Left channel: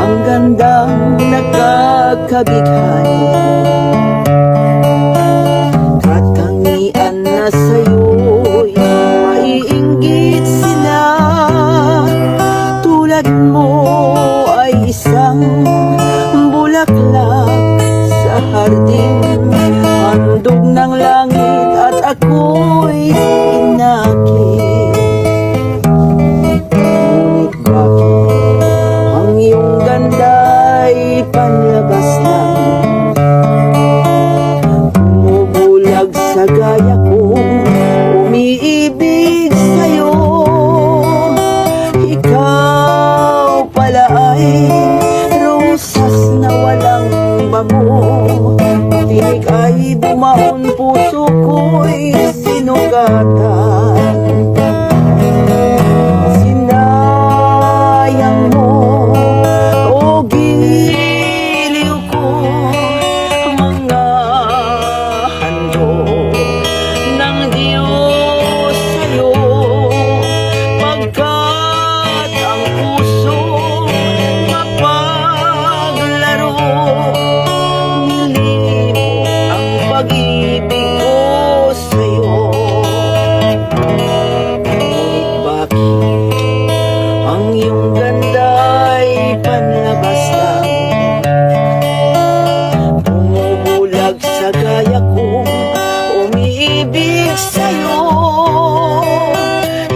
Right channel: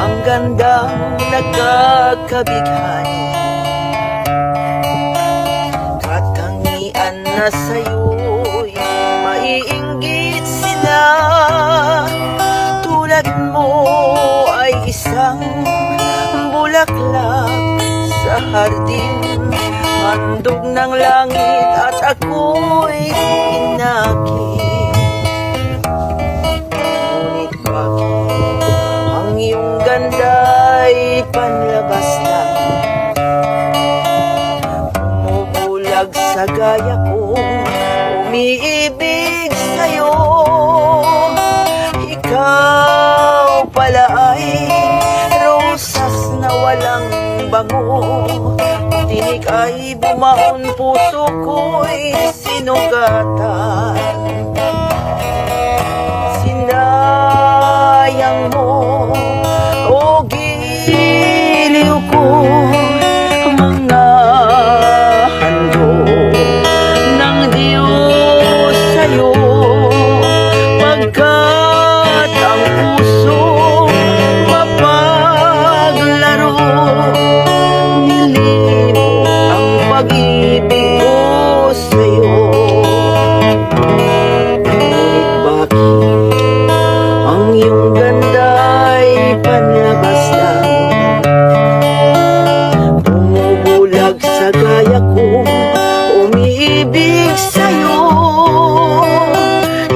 ang gandang nakakabighay, katangian na sa'yo'y maiinggit sila. Tulad mo ay isang bulaklak sa hardin, handog ng langit at ako'y inakit. Ngunit bakit ang iyong ganda'y panlabas lang, bumubulag sa gaya kong umiibig sa'yo. Ikaw pala ay rosas na walang bango, tinig ay bumaon, puso ko'y sinugatan. Sinayang mo, o giliw ko, mga handog ng Diyos sa'yo, pagkat ang puso mapaglaro. Nilibot ang pag-ibig ko sa'yo. Bakit ang iyong ganda'y panlabas lang, bumubulag sa gaya kong umiibig sa'yo.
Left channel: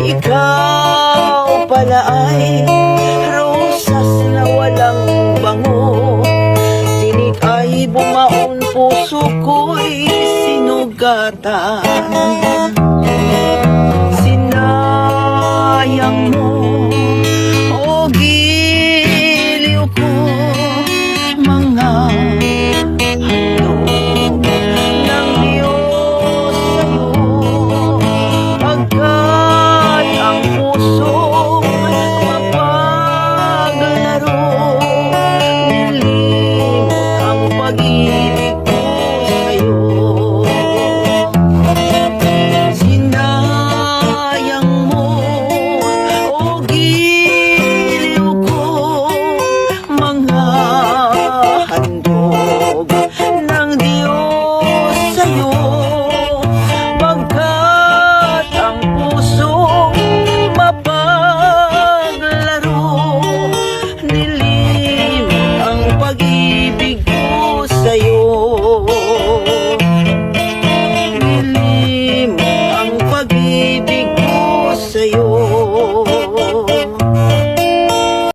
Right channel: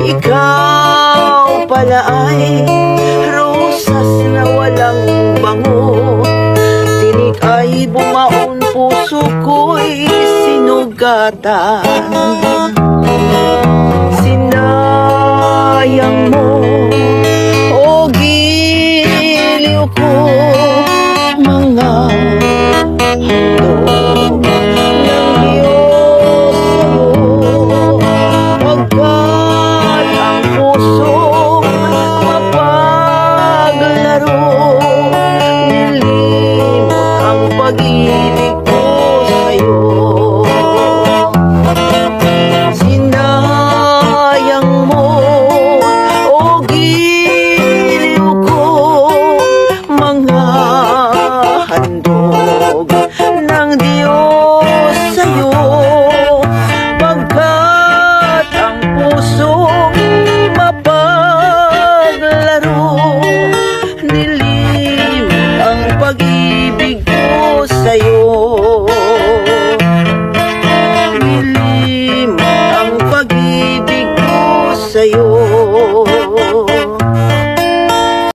Ikaw pala ay rosas na walang bango, tinig ay bumaon, puso ko'y sinugatan. Sinayang mo, o giliw ko, mga handog ng Diyos sa'yo, pagkat ang puso mapaglaro. Nilimot ang pag-ibig ko sa'yo. Sinayang mo, o giliw ko, mga handog ng Diyos sa'yo, pagkat ang puso mapaglaro. Nilimot ang pag-ibig ko sa'yo. Nilimot ang pag-ibig ko sa'yo.